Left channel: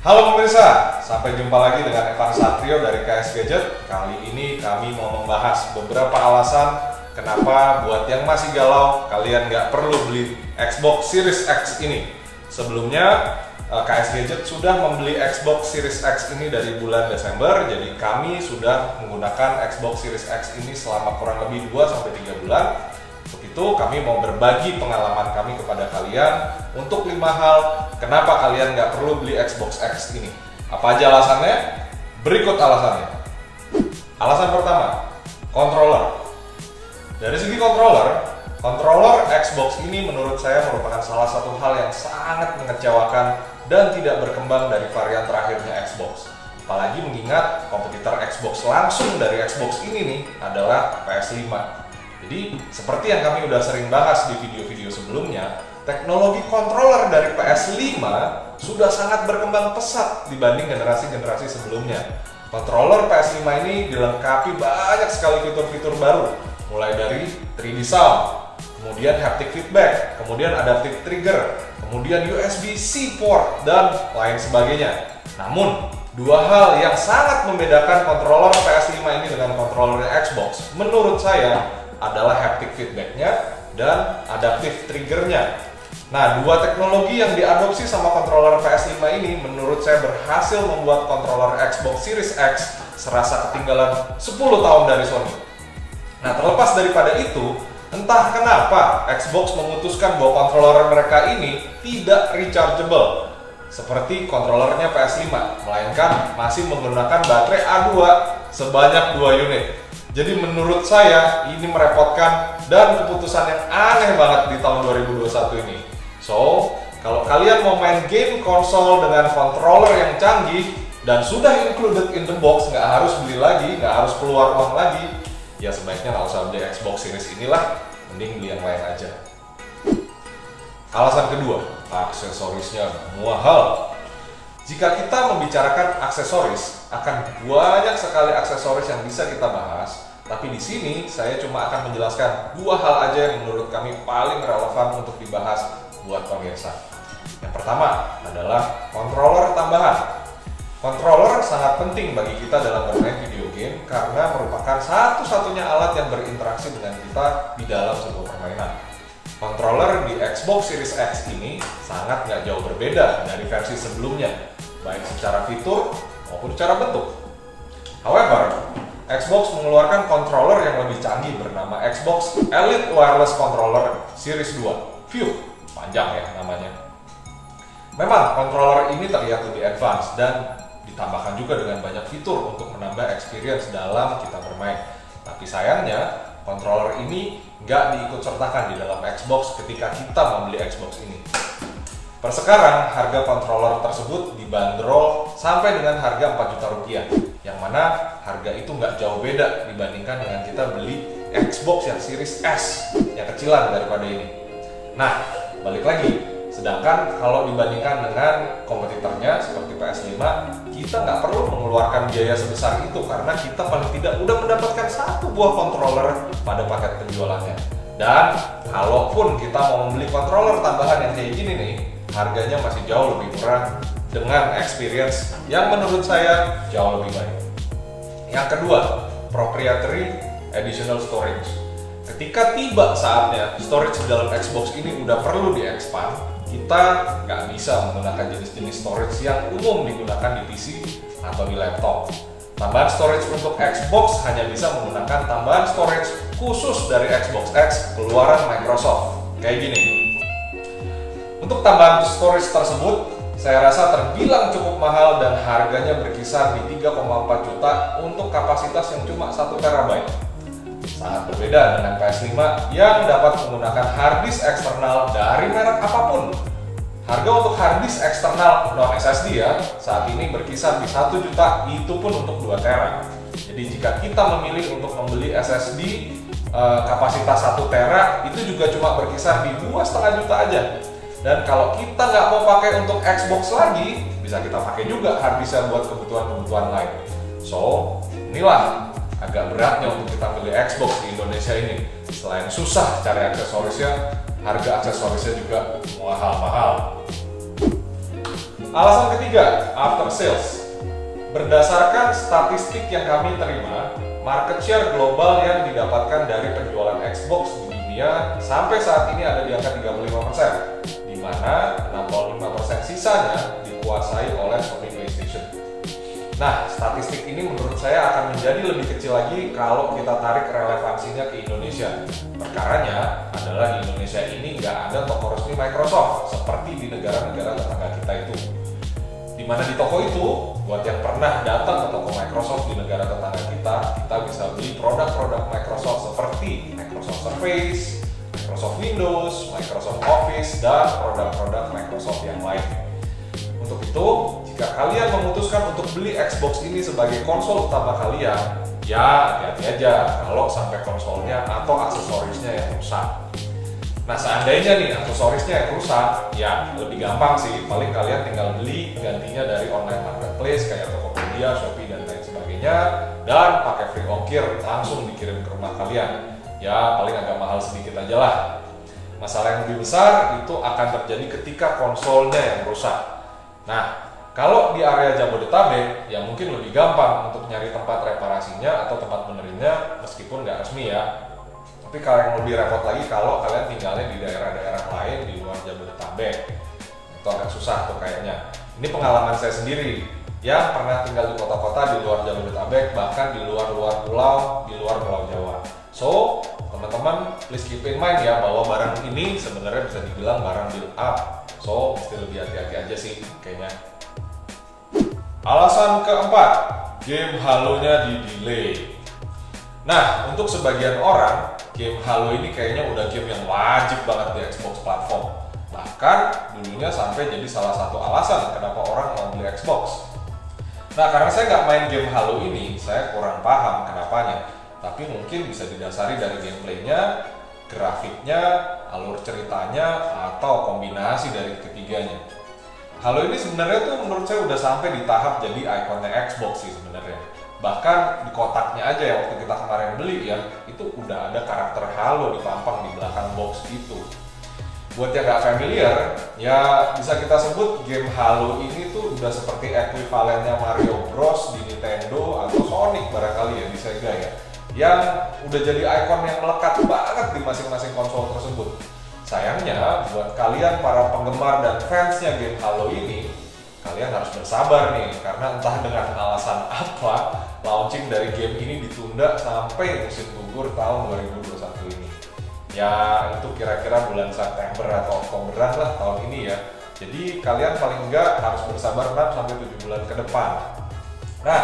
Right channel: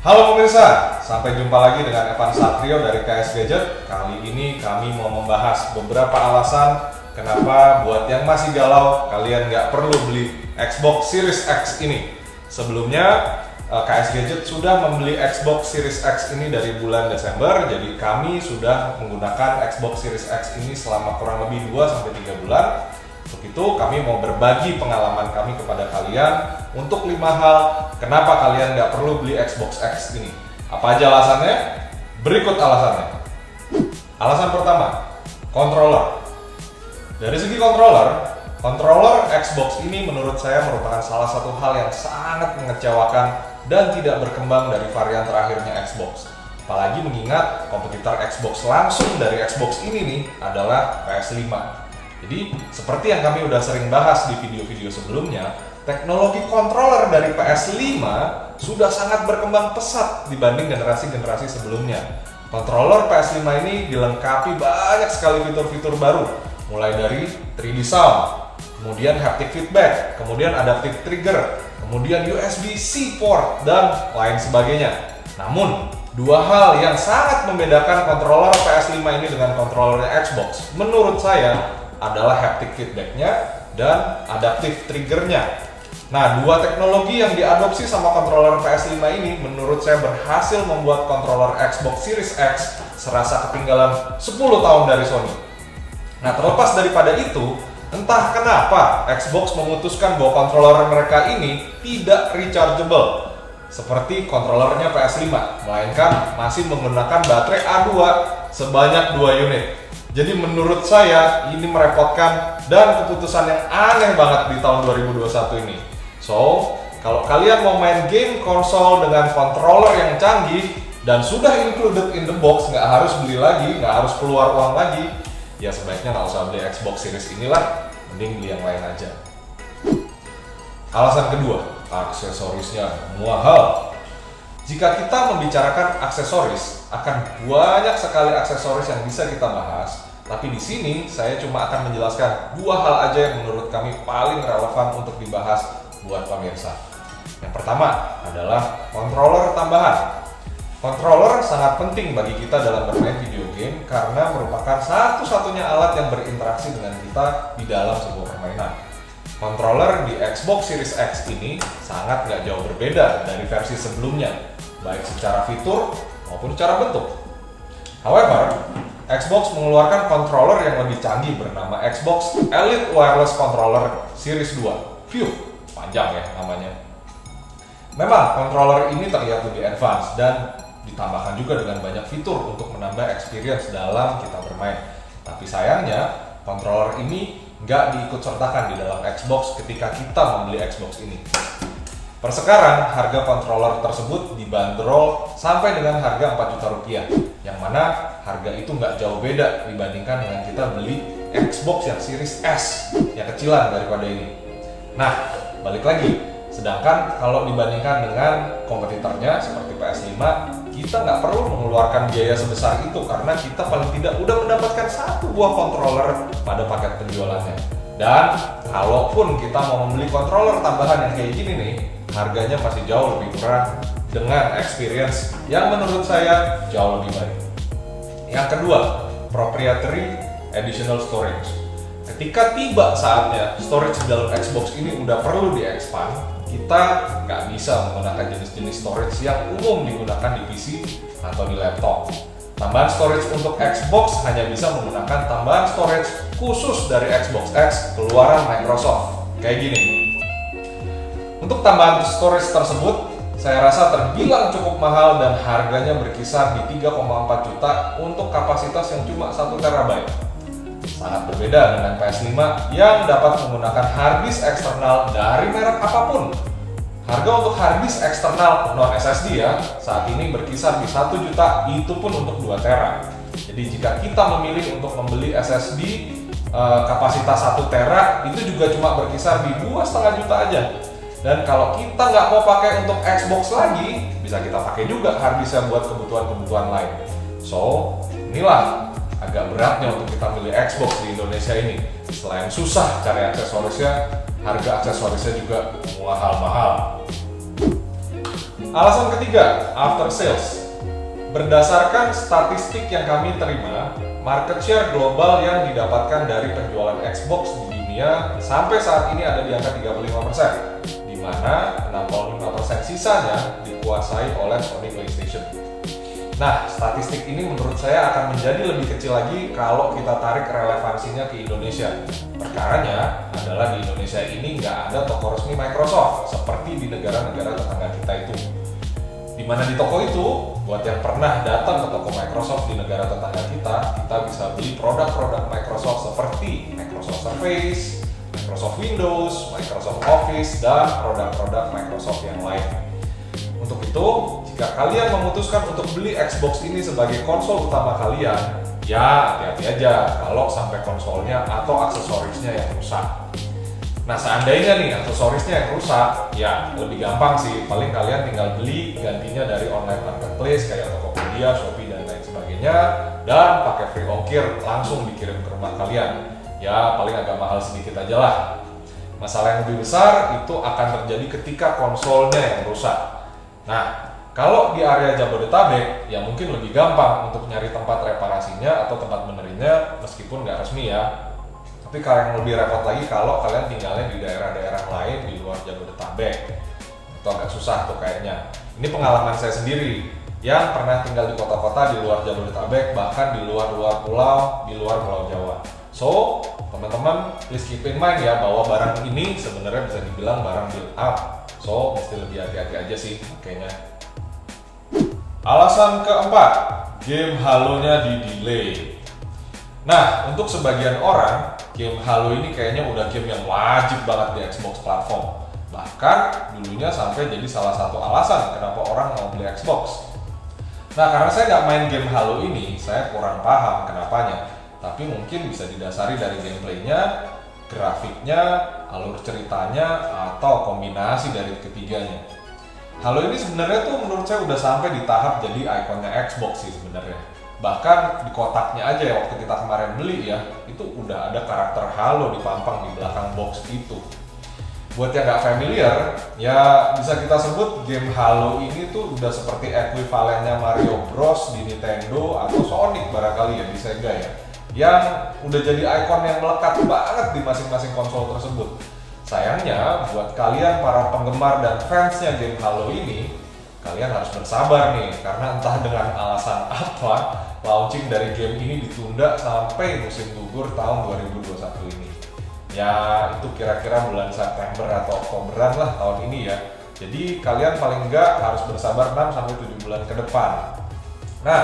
Halo pemirsa, sampai jumpa lagi dengan Evan Satrio dari KS Gadget. Kali ini kami mau membahas beberapa alasan kenapa buat yang masih galau kalian nggak perlu beli Xbox Series X ini. Sebelumnya KS Gadget sudah membeli Xbox Series X ini dari bulan Desember, jadi kami sudah menggunakan Xbox Series X ini selama kurang lebih 2-3 bulan. Untuk itu kami mau berbagi pengalaman kami kepada kalian untuk 5 hal kenapa kalian nggak perlu beli Xbox X ini. Apa aja alasannya? Berikut alasannya. Alasan pertama, controller. Dari segi controller Xbox ini menurut saya merupakan salah satu hal yang sangat mengecewakan dan tidak berkembang dari varian terakhirnya Xbox. Apalagi mengingat kompetitor Xbox langsung dari Xbox ini nih adalah PS5. Jadi, seperti yang kami udah sering bahas di video-video sebelumnya, teknologi controller dari PS5 sudah sangat berkembang pesat dibanding generasi-generasi sebelumnya. Controller PS5 ini dilengkapi banyak sekali fitur-fitur baru, mulai dari 3D sound, kemudian haptic feedback, kemudian adaptive trigger, kemudian USB-C port, dan lain sebagainya. Namun, dua hal yang sangat membedakan controller PS5 ini dengan controllernya Xbox, menurut saya, adalah haptic feedbacknya dan adaptive triggernya. Nah, dua teknologi yang diadopsi sama controller PS5 ini menurut saya berhasil membuat controller Xbox Series X serasa ketinggalan 10 tahun dari Sony. Nah, terlepas daripada itu, entah kenapa Xbox memutuskan bahwa controller mereka ini tidak rechargeable seperti controllernya PS5, melainkan masih menggunakan baterai A2 sebanyak 2 unit. Jadi menurut saya ini merepotkan dan keputusan yang aneh banget di tahun 2021 ini. So, kalau kalian mau main game konsol dengan controller yang canggih dan sudah included in the box, nggak harus beli lagi, nggak harus keluar uang lagi, ya sebaiknya nggak usah beli Xbox Series inilah, mending beli yang lain aja. Alasan kedua, aksesorisnya mahal. Jika kita membicarakan aksesoris, akan banyak sekali aksesoris yang bisa kita bahas. Tapi di sini saya cuma akan menjelaskan 2 hal aja yang menurut kami paling relevan untuk dibahas buat pemirsa. Yang pertama adalah controller tambahan. Controller sangat penting bagi kita dalam bermain video game karena merupakan satu-satunya alat yang berinteraksi dengan kita di dalam sebuah permainan. Controller di Xbox Series X ini sangat nggak jauh berbeda dari versi sebelumnya, baik secara fitur maupun secara bentuk. However, Xbox mengeluarkan controller yang lebih canggih bernama Xbox Elite Wireless Controller Series 2. Panjang ya namanya. Memang controller ini terlihat lebih advance dan ditambahkan juga dengan banyak fitur untuk menambah experience dalam kita bermain. Tapi sayangnya, controller ini nggak diikut-sertakan di dalam Xbox ketika kita membeli Xbox ini. Per sekarang, harga controller tersebut dibanderol sampai dengan harga 4 juta rupiah, yang mana harga itu nggak jauh beda dibandingkan dengan kita beli Xbox yang Series S, yang kecilan daripada ini. Nah, balik lagi, sedangkan kalau dibandingkan dengan kompetitornya seperti PS5, kita nggak perlu mengeluarkan biaya sebesar itu karena kita paling tidak udah mendapatkan 1 buah controller pada paket penjualannya. Dan kalaupun kita mau membeli controller tambahan yang kayak gini nih, harganya masih jauh lebih murah dengan experience yang menurut saya jauh lebih baik. Yang kedua, proprietary additional storage. Ketika tiba saatnya storage di dalam Xbox ini udah perlu di-expand, kita nggak bisa menggunakan jenis-jenis storage yang umum digunakan di PC atau di laptop. Tambahan storage untuk Xbox hanya bisa menggunakan tambahan storage khusus dari Xbox X keluaran Microsoft. Kayak gini. Untuk tambahan storage tersebut, saya rasa terbilang cukup mahal dan harganya berkisar di 3,4 juta untuk kapasitas yang cuma 1 TB. Sangat berbeda dengan PS5 yang dapat menggunakan harddisk eksternal dari merek apapun. Harga untuk harddisk eksternal non SSD ya, saat ini berkisar di 1 juta, itu pun untuk 2 TB. Jadi jika kita memilih untuk membeli SSD kapasitas 1 TB, itu juga cuma berkisar di 2,5 juta aja. Dan kalau kita nggak mau pakai untuk Xbox lagi, bisa kita pakai juga harddisknya buat kebutuhan-kebutuhan lain. So, inilah agak beratnya untuk kita beli Xbox di Indonesia ini. Selain susah cari aksesorisnya, harga aksesorisnya juga mahal-mahal. Alasan ketiga, after sales. Berdasarkan statistik yang kami terima, market share global yang didapatkan dari penjualan Xbox di dunia sampai saat ini ada di angka 35%, di mana 65% sisanya dikuasai oleh Sony PlayStation. Nah, statistik ini menurut saya akan menjadi lebih kecil lagi kalau kita tarik relevansinya ke Indonesia. Perkaranya adalah di Indonesia ini nggak ada toko resmi Microsoft seperti di negara-negara tetangga kita itu. Dimana di toko itu, buat yang pernah datang ke toko Microsoft di negara tetangga kita bisa beli produk-produk Microsoft seperti Microsoft Surface, Microsoft Windows, Microsoft Office, dan produk-produk Microsoft yang lain. Untuk itu, jika kalian memutuskan untuk beli Xbox ini sebagai konsol utama kalian, ya hati-hati aja kalau sampai konsolnya atau aksesorisnya yang rusak. Nah, seandainya nih aksesorisnya yang rusak, ya lebih gampang sih. Paling kalian tinggal beli gantinya dari online marketplace kayak Tokopedia, Shopee, dan lain sebagainya, dan pakai free ongkir langsung dikirim ke rumah kalian. Ya paling agak mahal sedikit aja lah. Masalah yang lebih besar itu akan terjadi ketika konsolnya yang rusak. Nah, kalau di area Jabodetabek, ya mungkin lebih gampang untuk nyari tempat reparasinya atau tempat benerinnya meskipun nggak resmi ya. Tapi kalau yang lebih repot lagi kalau kalian tinggalnya di daerah-daerah lain di luar Jabodetabek, itu agak susah tuh kayaknya. Ini pengalaman saya sendiri yang pernah tinggal di kota-kota di luar Jabodetabek, bahkan di luar pulau, di luar Pulau Jawa. So, teman-teman please keep in mind ya bahwa barang ini sebenarnya bisa dibilang barang build up. So, mesti lebih hati-hati aja sih kayaknya. Alasan keempat, game Halo-nya di-delay. Nah, untuk sebagian orang, game Halo ini kayaknya udah game yang wajib banget di Xbox platform. Bahkan dulunya sampai jadi salah satu alasan kenapa orang mau beli Xbox. Nah, karena saya nggak main game Halo ini, saya kurang paham kenapanya. Tapi mungkin bisa didasari dari gameplaynya, grafiknya, alur ceritanya, atau kombinasi dari ketiganya. Halo ini sebenarnya tuh menurut saya udah sampai di tahap jadi ikonnya Xbox sih sebenarnya. Bahkan di kotaknya aja ya waktu kita kemarin beli ya, itu udah ada karakter Halo dipampang di belakang box itu. Buat yang nggak familiar, ya bisa kita sebut game Halo ini tuh udah seperti ekuivalennya Mario Bros di Nintendo atau Sonic barangkali ya di Sega ya, yang udah jadi ikon yang melekat banget di masing-masing konsol tersebut. Sayangnya buat kalian para penggemar dan fansnya game Halo ini, kalian harus bersabar nih, karena entah dengan alasan apa launching dari game ini ditunda sampai musim gugur tahun 2021 ini. Ya itu kira-kira bulan September atau Oktoberan lah tahun ini ya. Jadi kalian paling enggak harus bersabar 6-7 bulan ke depan. Nah,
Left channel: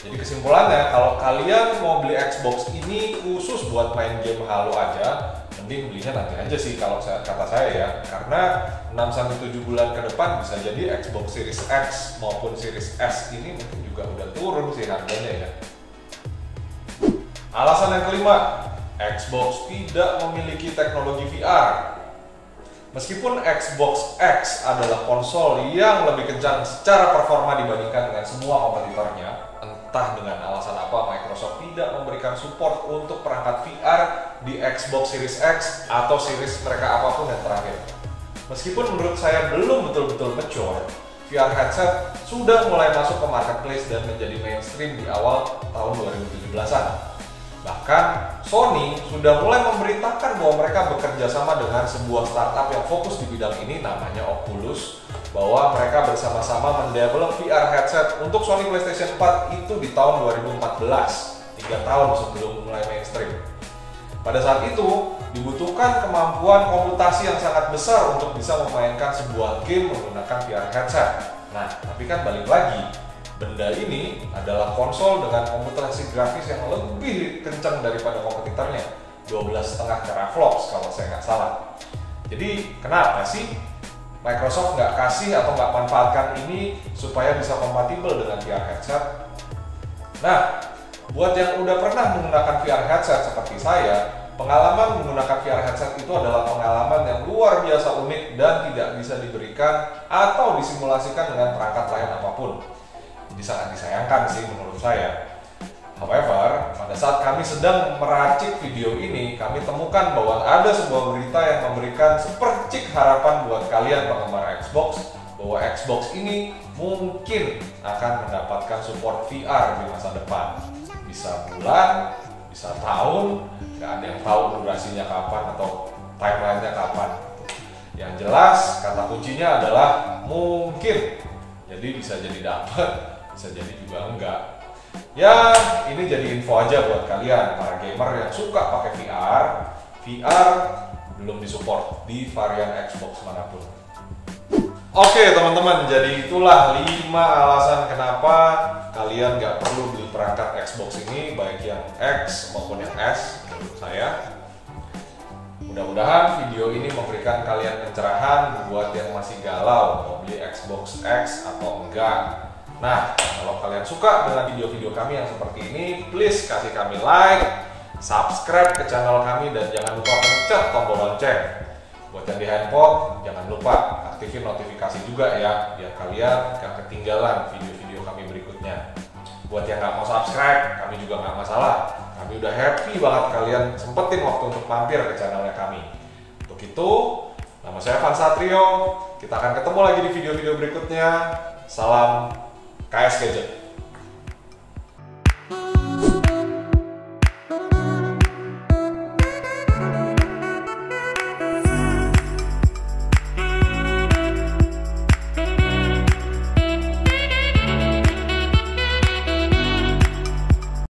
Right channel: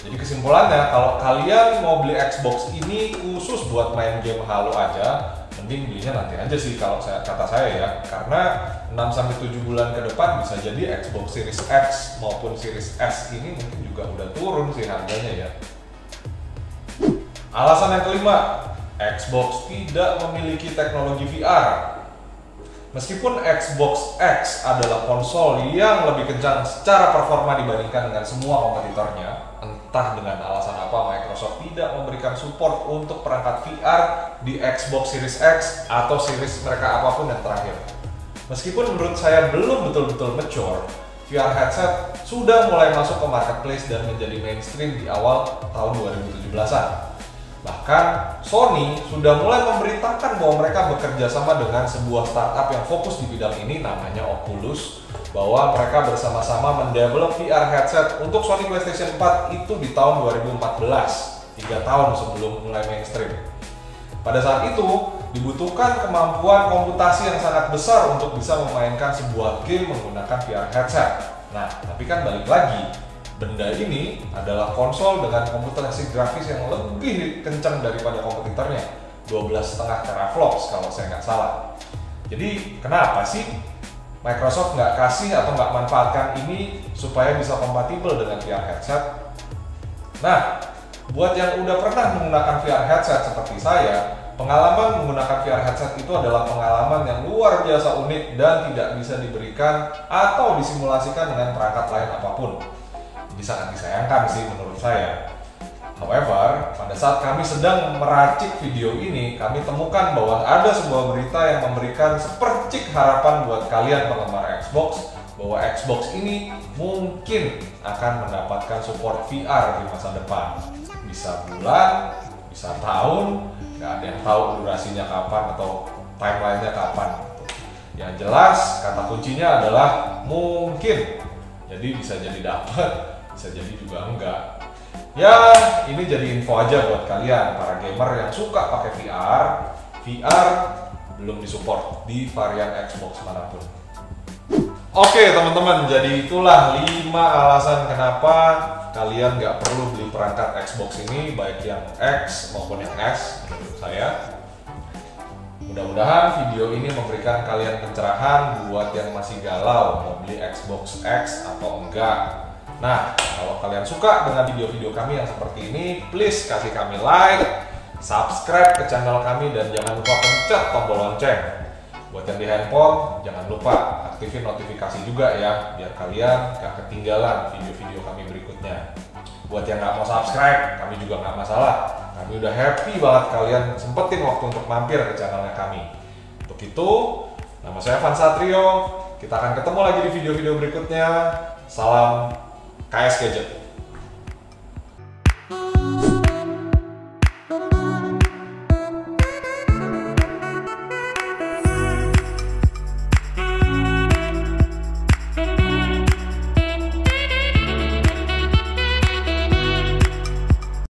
jadi kesimpulannya kalau kalian mau beli Xbox ini khusus buat main game Halo aja, mending belinya nanti aja sih kalau kata saya ya. Karena 6-7 bulan ke depan bisa jadi Xbox Series X maupun Series S ini mungkin juga udah turun sih harganya ya. Alasan yang kelima, Xbox tidak memiliki teknologi VR. Meskipun Xbox X adalah konsol yang lebih kencang secara performa dibandingkan dengan semua kompetitornya, entah dengan alasan apa Microsoft tidak memberikan support untuk perangkat VR di Xbox Series X atau series mereka apapun yang terakhir. Meskipun menurut saya belum betul-betul mature, VR headset sudah mulai masuk ke marketplace dan menjadi mainstream di awal tahun 2017-an. Bahkan Sony sudah mulai memberitakan bahwa mereka bekerja sama dengan sebuah startup yang fokus di bidang ini namanya Oculus, bahwa mereka bersama-sama mendevelop VR headset untuk Sony PlayStation 4 itu di tahun 2014, 3 tahun sebelum mulai mainstream. Pada saat itu dibutuhkan kemampuan komputasi yang sangat besar untuk bisa memainkan sebuah game menggunakan VR headset. Nah, tapi kan balik lagi, benda ini adalah konsol dengan komputasi grafis yang lebih kencang daripada kompetitornya, 12,5 teraflops kalau saya nggak salah. Jadi kenapa sih Microsoft nggak kasih atau nggak manfaatkan ini supaya bisa kompatibel dengan VR headset? Nah, buat yang udah pernah menggunakan VR headset seperti saya, pengalaman menggunakan VR headset itu adalah pengalaman yang luar biasa unik dan tidak bisa diberikan atau disimulasikan dengan perangkat lain apapun. Jadi sangat disayangkan sih menurut saya. However, pada saat kami sedang meracik video ini, kami temukan bahwa ada sebuah berita yang memberikan sepercik harapan buat kalian penggemar Xbox bahwa Xbox ini mungkin akan mendapatkan support VR di masa depan. Bisa bulan, bisa tahun, nggak ada yang tahu durasinya kapan atau timelinenya kapan. Yang jelas kata kuncinya adalah mungkin. Jadi bisa jadi dapat, bisa jadi juga enggak. Ya, ini jadi info aja buat kalian para gamer yang suka pakai VR. VR belum disupport di varian Xbox manapun. Oke teman-teman, jadi itulah 5 alasan kenapa kalian nggak perlu beli perangkat Xbox ini, baik yang X maupun yang S menurut saya. Mudah-mudahan video ini memberikan kalian pencerahan buat yang masih galau mau beli Xbox X atau enggak. Nah, kalau kalian suka dengan video-video kami yang seperti ini, please kasih kami like, subscribe ke channel kami, dan jangan lupa pencet tombol lonceng. Buat yang di handphone, jangan lupa aktifin notifikasi juga ya, biar kalian gak ketinggalan video-video kami berikutnya. Buat yang nggak mau subscribe, kami juga nggak masalah. Kami udah happy banget kalian sempetin waktu untuk mampir ke channelnya kami. Untuk itu, nama saya Van Satrio. Kita akan ketemu lagi di video-video berikutnya. Salam KS Gadget.